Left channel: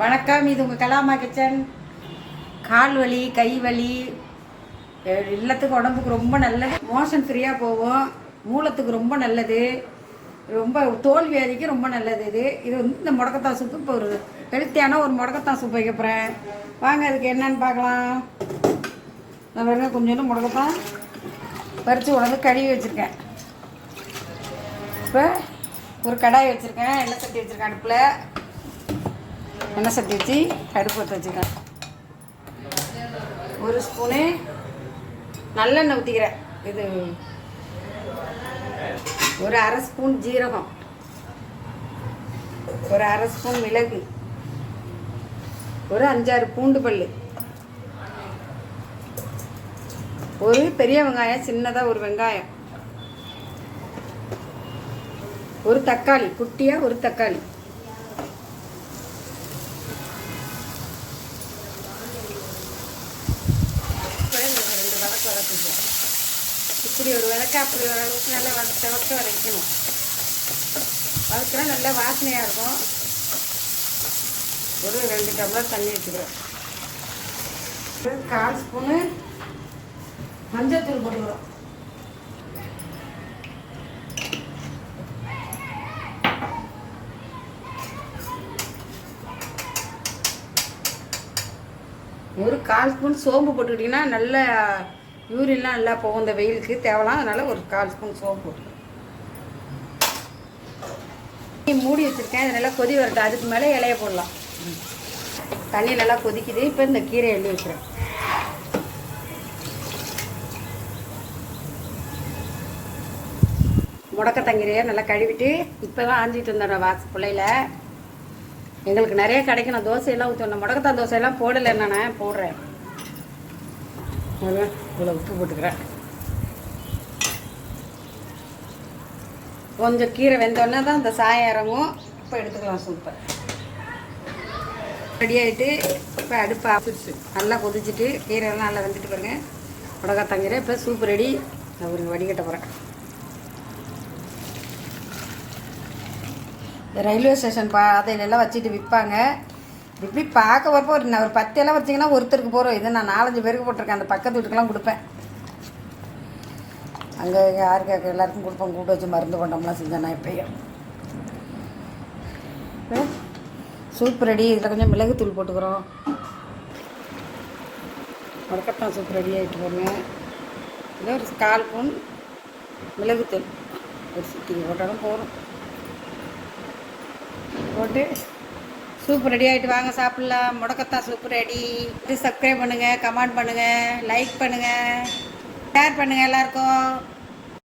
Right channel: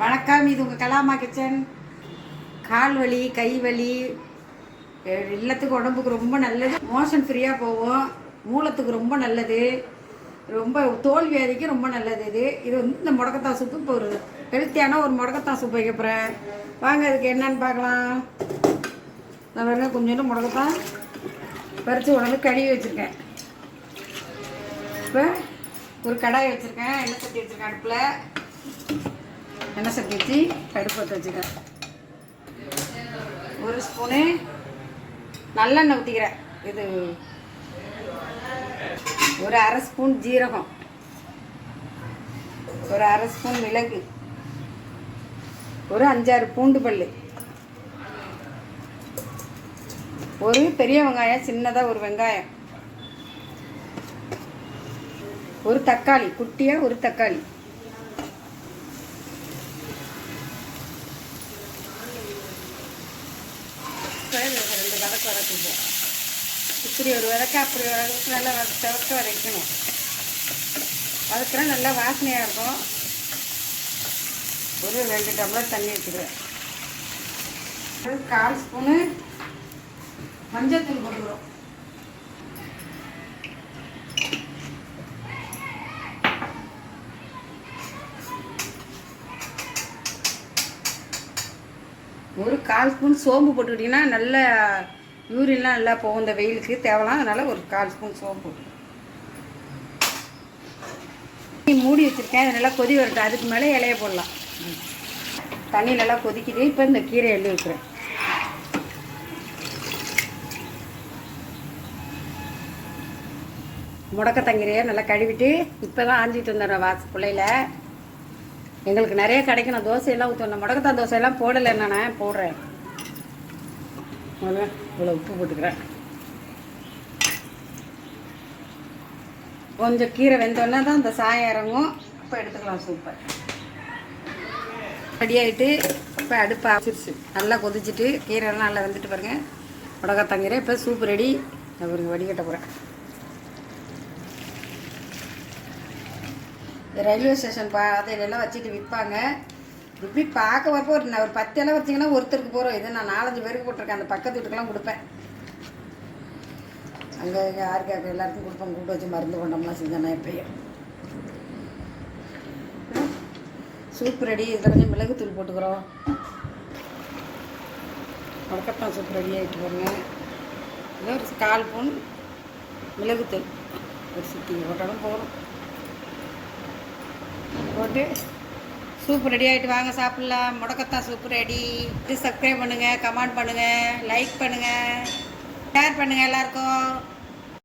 வணக்கம் இது உங்கள் கலாமா கிச்சன். கால் வலி கை வலி எல்லாத்துக்கும் உடம்புக்கு ரொம்ப நல்லது. மோஷன் ஃப்ரீயாக போகும். மூலத்துக்கு ரொம்ப நல்லது. ரொம்ப தோல் வியாதிக்கு ரொம்ப நல்லது இது. இது வந்து இந்த முடக்கத்தான் சூப்பு இப்போ ஒரு ஹெல்த்தியான ஒரு முடக்கத்தான் சூப் வைக்க போகிறேன் வாங்க அதுக்கு என்னன்னு பார்க்கலாம். நான் வேணும் கொஞ்சோண்டு முடக்கத்தான் பறித்து உடம்பு கழுவி வச்சுருக்கேன். இப்போ ஒரு கடாய் வச்சுருக்கேன். எண்ணெய் சட்டி வச்சுருக்கேன் அடுப்பில். எண்ணெய் சட்டி வச்சு அடுப்பு பற்ற வச்சுக்கேன் ஒரு ஸ்பூனு நல்லெண்ணெய் ஊற்றிக்கிறேன் இது ஒரு அரை ஸ்பூன் ஜீரகம். ஒரு அரை ஸ்பூன் மிளகு. ஒரு அஞ்சாறு பூண்டு பல் ஒரு பெரிய வெங்காயம் சின்னதாக ஒரு வெங்காயம். ஒரு தக்காளி குட்டியாக ஒரு தக்காளி. இப்ப ரெண்டு வதக்க வதக்குவோம் இப்படி ஒரு வதக்க அப்படி ஒரு அளவுக்கு நல்லா வத செவக்க வதக்கணும் வதக்கினா நல்லா வாசனையாக இருக்கும் ஒரு ரெண்டு டம்ளர் தண்ணி வச்சுக்கிறேன் கால் ஸ்பூனு மஞ்சத்தூள் போட்டுக்கிறோம் ஒரு கால் ஸ்பூன் சோம்பு போட்டுக்கிட்டிங்கன்னா நல்ல யூரின்லாம் நல்லா போகும். இந்த வெயிலுக்கு தேவலாம் அதனால் ஒரு கால் ஸ்பூன் சோம்பு போட்டு மூடி வச்சுருக்கேன். அது நல்லா கொதி வருது அதுக்கு மேலே இலைய போடலாம். தண்ணி நல்லா கொதிக்குது. இப்போ இந்த கீரை எள்ளி வைக்கிறேன். முடக்கத்தங்கீரையை நல்லா கழுவிட்டு இப்போ தான் ஆஞ்சிட்டு இருந்தேன் வாசு பிள்ளையில. எங்களுக்கு நிறைய கிடைக்கணும் தோசையெல்லாம் ஊற்றணும் முடக்கத்தான் தோசையெல்லாம் போடலை. நான் போடுறேன். முதல்ல இவ்வளோ உப்பு போட்டுக்கிறேன். கொஞ்சம் கீரை வெந்தோடனே தான் இந்த சாயம் இறங்கும். இப்போ எடுத்துக்கலாம் சூப்பர் ரெடி ஆகிட்டு இப்போ அடுப்பு ஆப்பிடுச்சு நல்லா கொதிச்சுட்டு கீரைலாம் நல்லா வெந்துட்டு பாருங்க. முடக்கத்தாங்கீரை இப்போ சூப் ரெடி நான் ஒரு வடிகட்ட போகிறேன் ரயில்வே ஸ்டேஷன் பாதையிலெல்லாம் வச்சுட்டு விற்பாங்க. இப்படி பார்க்க வரப்போ ஒரு நான் ஒரு பத்தியெல்லாம் வச்சிங்கன்னா ஒருத்தருக்கு போகிறோம் இது நான் நாலஞ்சு பேருக்கு போட்டிருக்கேன். அந்த பக்கத்து வீட்டுக்கெல்லாம் கொடுப்பேன். அங்கே யாருக்கு எல்லாருக்கும் கொடுப்போம். கூப்பிட்டு வச்சு மருந்து கொண்டோம்லாம் செஞ்சேன் நான் எப்பயும் சூப் ரெடி. இதில் கொஞ்சம் மிளகுத்தூள் போட்டுக்கிறோம். முடக்கத்தான் சூப் ரெடி ஆகிட்டு பாருங்க இது ஒரு கால் ஸ்பூன் மிளகுத்தூள். ஒரு சிட்டி போட்டாலும் போதும். போட்டு சூப் ரெடி ஆகிட்டு வாங்க சாப்பிட்லாம். முடக்கத்தான் சூப் ரெடி. இது சப்ஸ்கிரைப் பண்ணுங்கள் கமெண்ட் பண்ணுங்கள் லைக் பண்ணுங்கள் ஷேர் பண்ணுங்கள் எல்லாருக்கும்.